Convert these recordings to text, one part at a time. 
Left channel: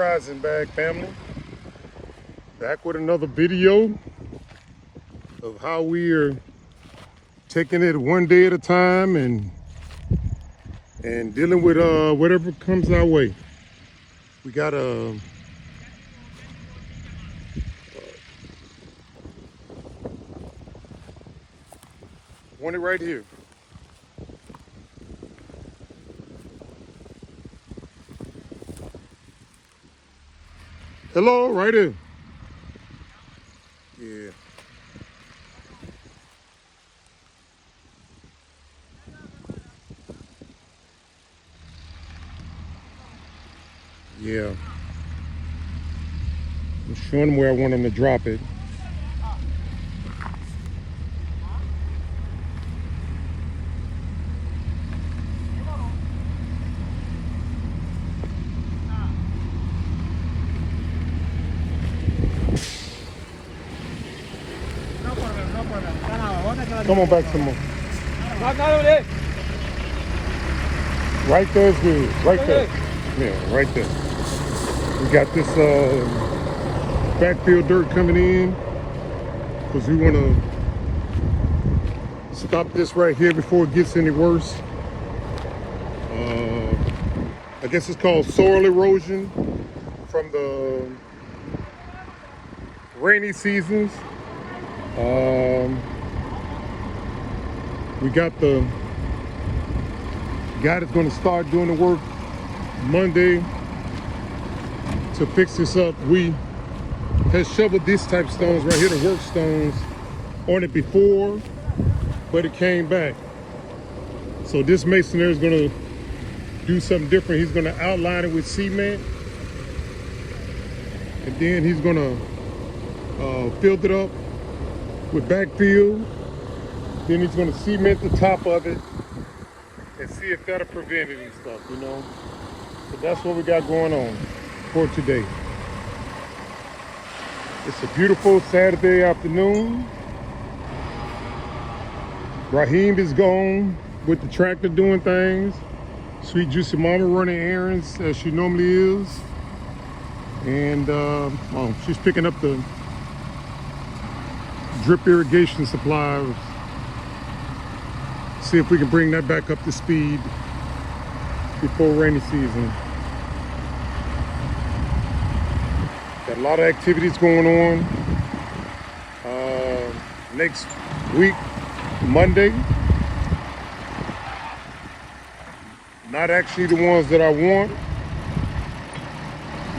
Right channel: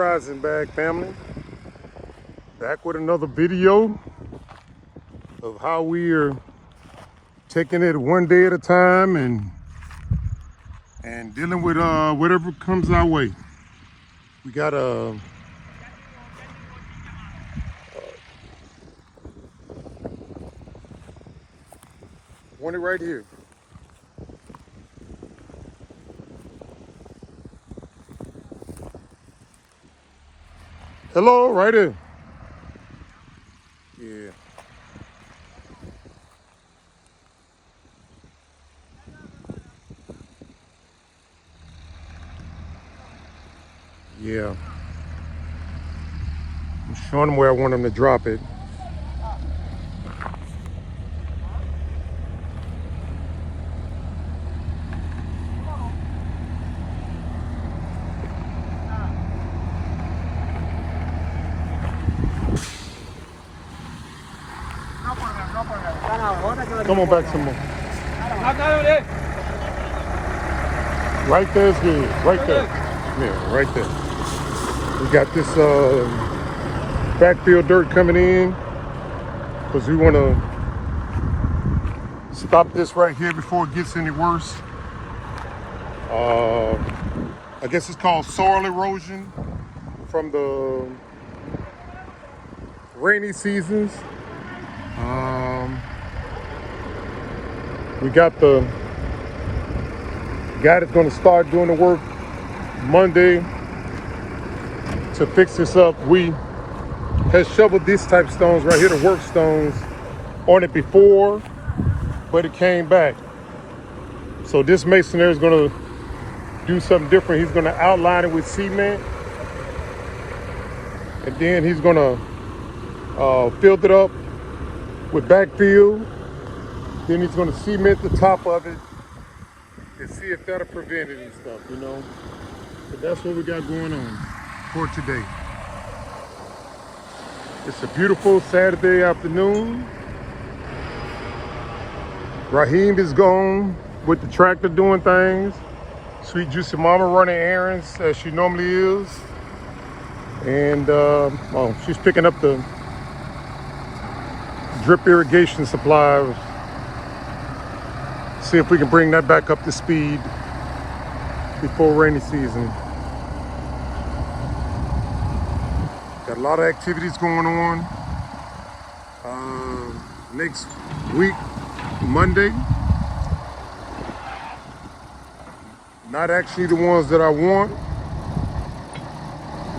Rising Bag family. Back with another video of how we are taking it one day at a time and dealing with whatever comes our way. We got one right here. Hello, right here. Yeah. I'm showing them where I want them to drop it. Come on back to me. Right there is good. Right there. Yeah, right there. We got this backfield dirt coming in because we want to stop this right here before it gets any worse. I guess it's called soil erosion from the rainy seasons. We got the guy that's going to start doing the work Monday to fix this up. We had shoveled these type stones right here, the work stones, on it before, but it came back. So this masoner is going to do something different. He's going to outline it with cement, and then he's going to fill it up with backfill. Then he's going to cement the top of it and see if that'll prevent it and stuff, you know. So that's what we got going on for today. It's a beautiful Saturday afternoon. Raheem is gone with the tractor doing things. Sweet Juicy Mama running errands as she normally is. And she's picking up the drip irrigation supplies. See if we can bring that back up to speed before rainy season. Got a lot of activities going on. Next week, Monday. Not actually the ones that I want,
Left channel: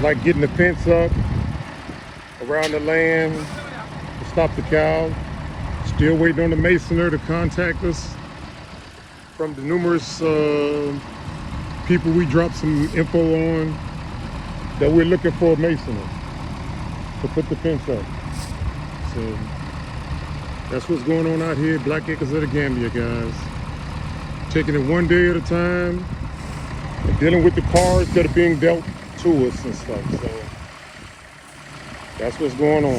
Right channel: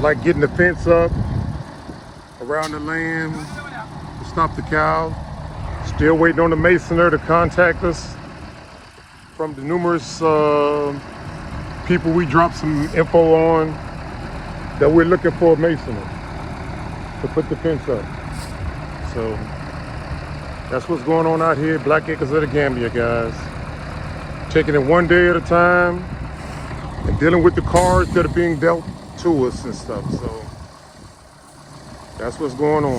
like getting the fence up around the land, stop the cow. Still waiting on the masoner to contact us. From the numerous people we dropped some info on that we're looking for a masoner to put the fence up. So that's what's going on out here, Black Acres of the Gambia, guys. Taking it one day at a time and dealing with the cards that are being dealt to us and stuff. So that's what's going on.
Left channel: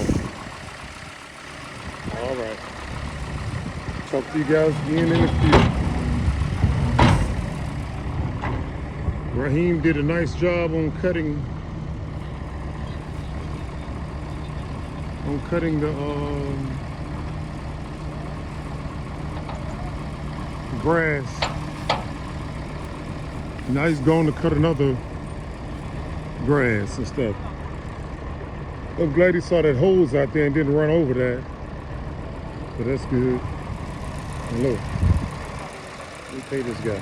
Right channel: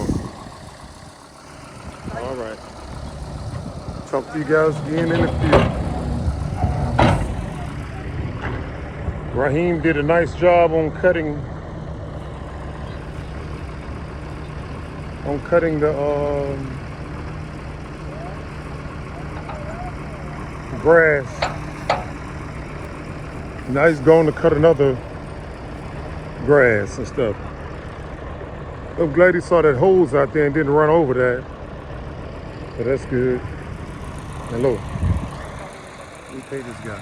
Talk to you guys again in the field. Raheem did a nice job on cutting the grass. Now he's going to cut another grass and stuff. I'm glad he saw that hose out there and didn't run over that. But that's good. Hello. Let me pay this guy.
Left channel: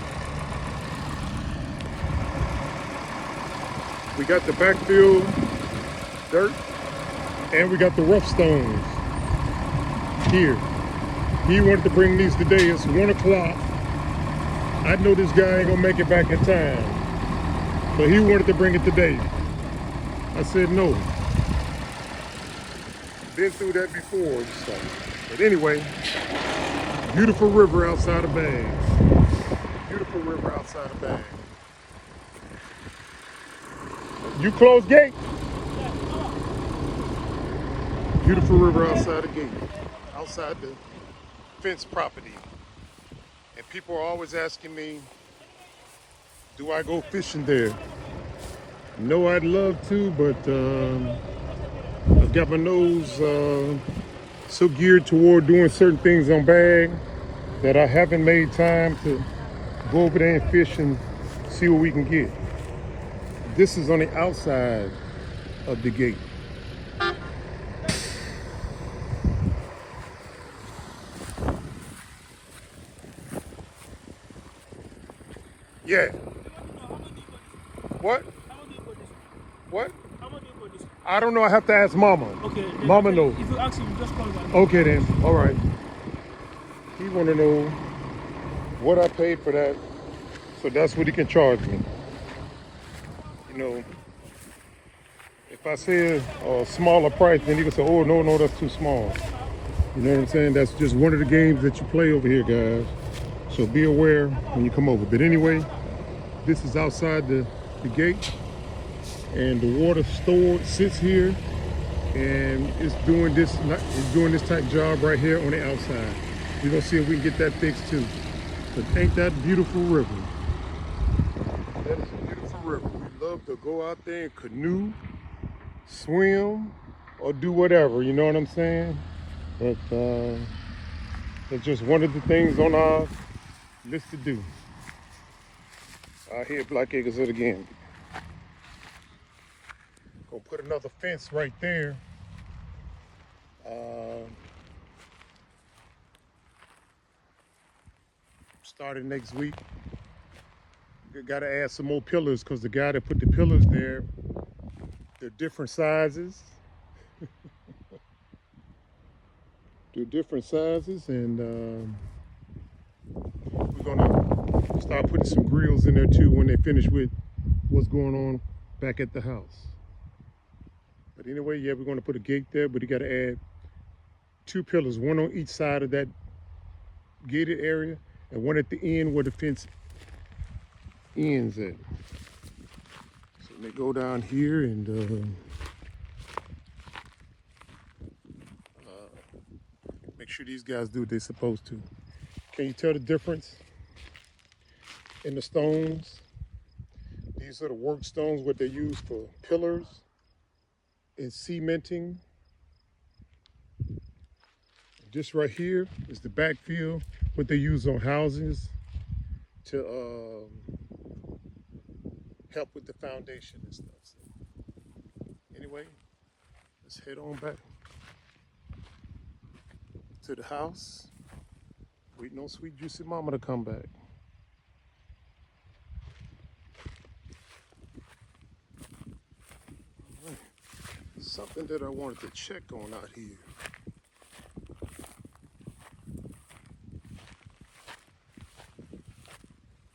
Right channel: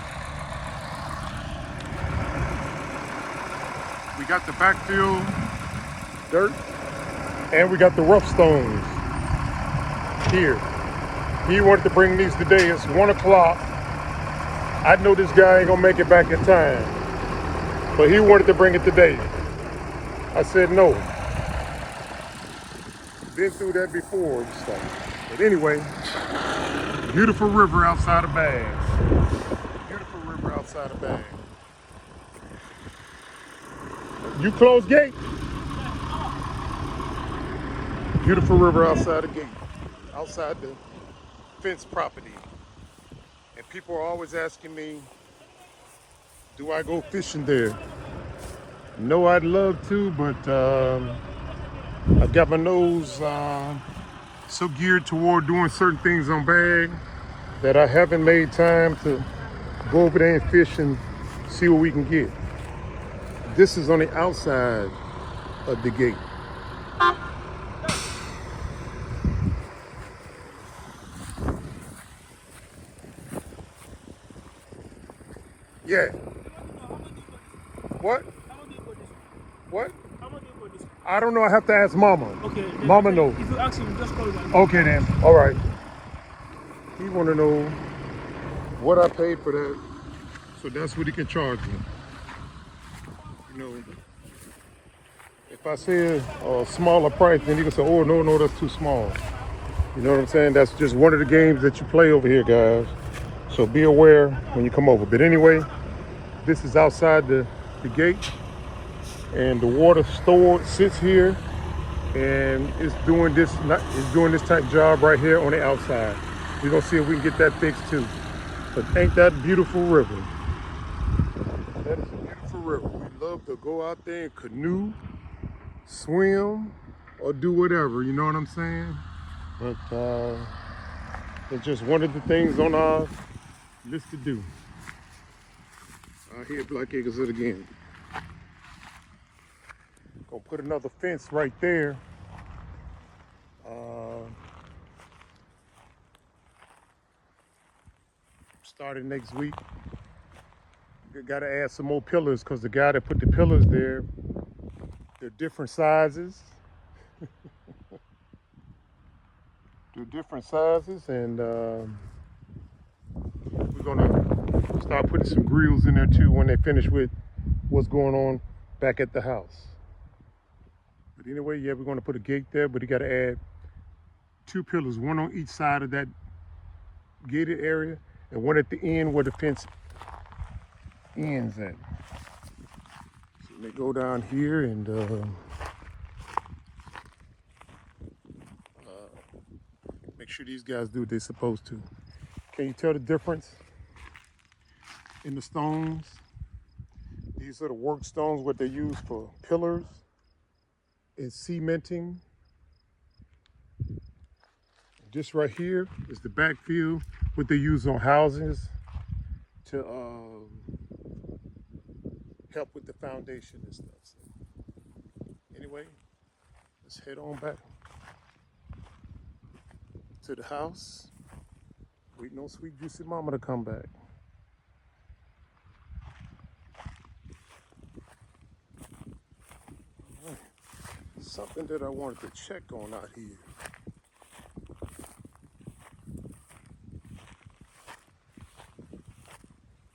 We got the backfill dirt and we got the rough stones here. He wanted to bring these today. It's 1 o'clock. I know this guy ain't gonna make it back in time, but he wanted to bring it today. I said no. Been through that before and stuff. But anyway, beautiful river outside of Bags. Beautiful river outside of Bags. You close gate? Beautiful river outside the gate, outside the fence property. And people are always asking me, do I go fishing there? know I'd love to, but I've got my nose so geared toward doing certain things on bag that I haven't made time to go over there and fish and see what we can get. This is on the outside of the gate. Yeah. What? What? I don't know. I have to ask Mama. Okay. Mama knows. If you ask him, just call me. Okay then. All right. He want to know what I paid for that, so that's what he can charge me. You know, if I say a smaller price, then he can say, "Oh no, that's too small." You know what I'm saying? That's just one of the games that you play over here, guys. So be aware when you come over. But anyway, this is outside the gate, and the water stored sits here, and it's doing this type job right here on the outside. We're gonna see if we can get that fixed too. But ain't that a beautiful river? That is a beautiful river. We love to go out there and canoe, swim, or do whatever. You know what I'm saying? But it's just one of the things on our list to do. Out here, Black Acres it again. Gonna put another fence right there. Starting next week. Got to add some more pillars because the guy that put the pillars there, they're different sizes. They're different sizes, and we're gonna start putting some grills in there too when they finish with what's going on back at the house. But anyway, yeah, we're gonna put a gate there, but you got to add 2 pillars, one on each side of that gated area, and one at the end where the fence ends at. So they go down here and make sure these guys do what they're supposed to. Can you tell the difference in the stones? These are the work stones, what they use for pillars and cementing. This right here is the backfill, what they use on houses to help with the foundation and stuff. So anyway, let's head on back to the house. Waiting on sweet juicy mama to come back. Right. Something that I wanted to check on out here.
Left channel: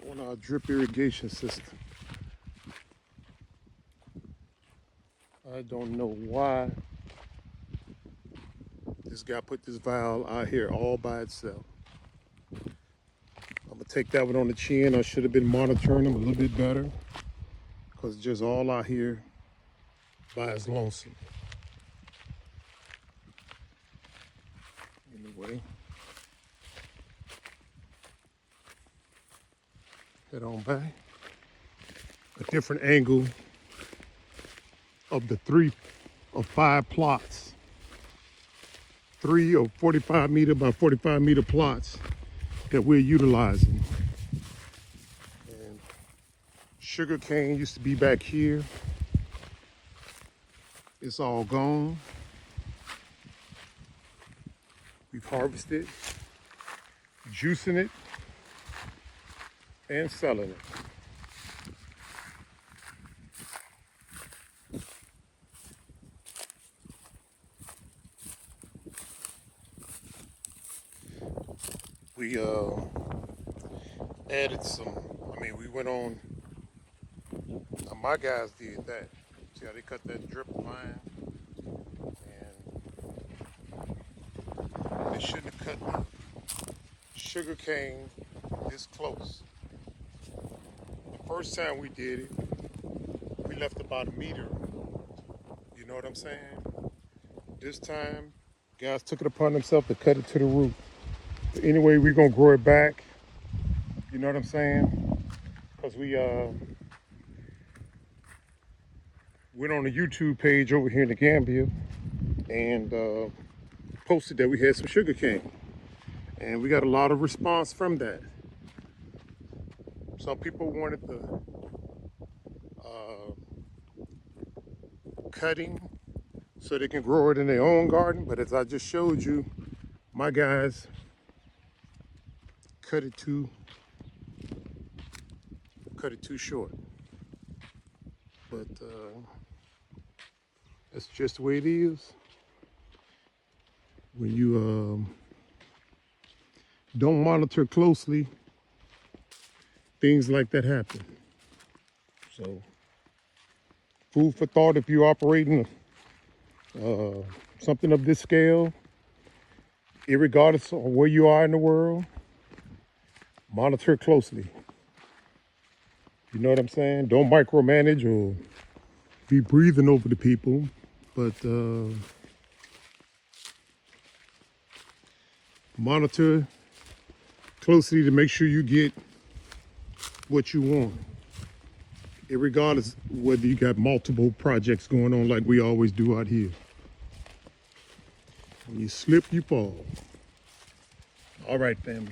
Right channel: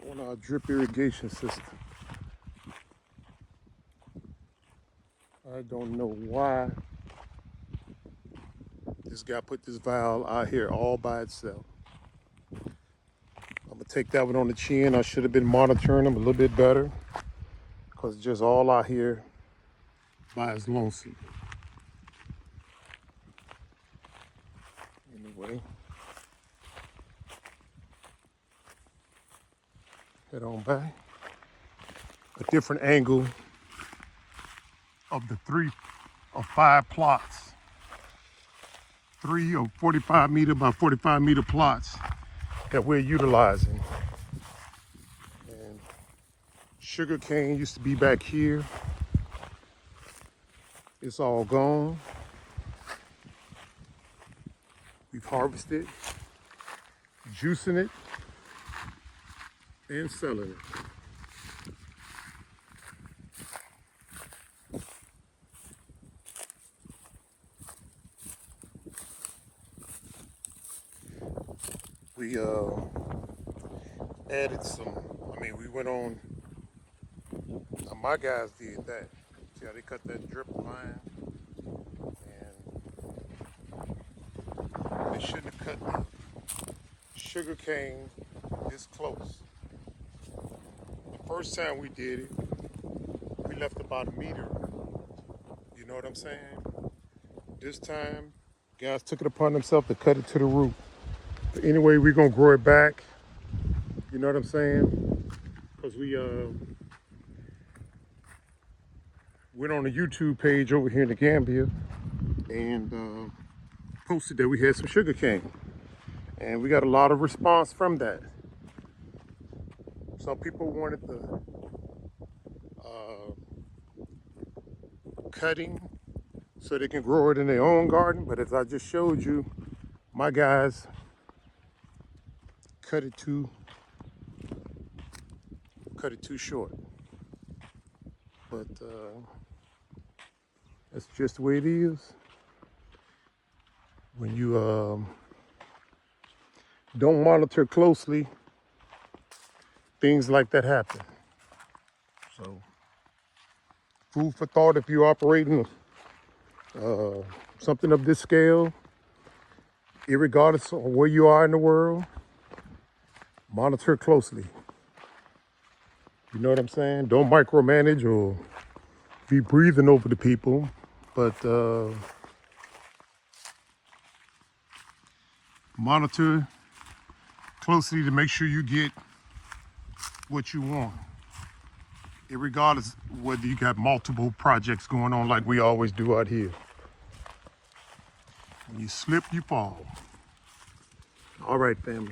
On our drip irrigation system. I don't know why this guy put this valve out here all by itself. I'm gonna take that one on the chin. I should have been monitoring them a little bit better because it's just all out here by its lonesome. Anyway, head on back. A different angle of the 3 or 5 plots. 3 or 45 meter by 45 meter plots that we're utilizing. And sugar cane used to be back here. It's all gone. We've harvested, juicing it, and selling it. We added some, we went on, my guys did that. See how they cut that drip line? And they shouldn't have cut the sugar cane this close. The first time we did it, we left about 1 meter. You know what I'm saying? This time, guys took it upon themselves to cut it to the root. But anyway, we're gonna grow it back. You know what I'm saying? Because we went on a YouTube page over here in the Gambia and posted that we had some sugar cane. And we got a lot of response from that. Some people wanted the cutting so they can grow it in their own garden, but as I just showed you, my guys cut it too short. But that's just the way it is. When you don't monitor closely, things like that happen. So, food for thought if you're operating something of this scale, irregardless of where you are in the world, monitor closely. You know what I'm saying? Don't micromanage or be breathing over the people, but monitor closely to make sure you get what you want, irregardless whether you got multiple projects going on like we always do out here. When you slip, you fall. All right, family.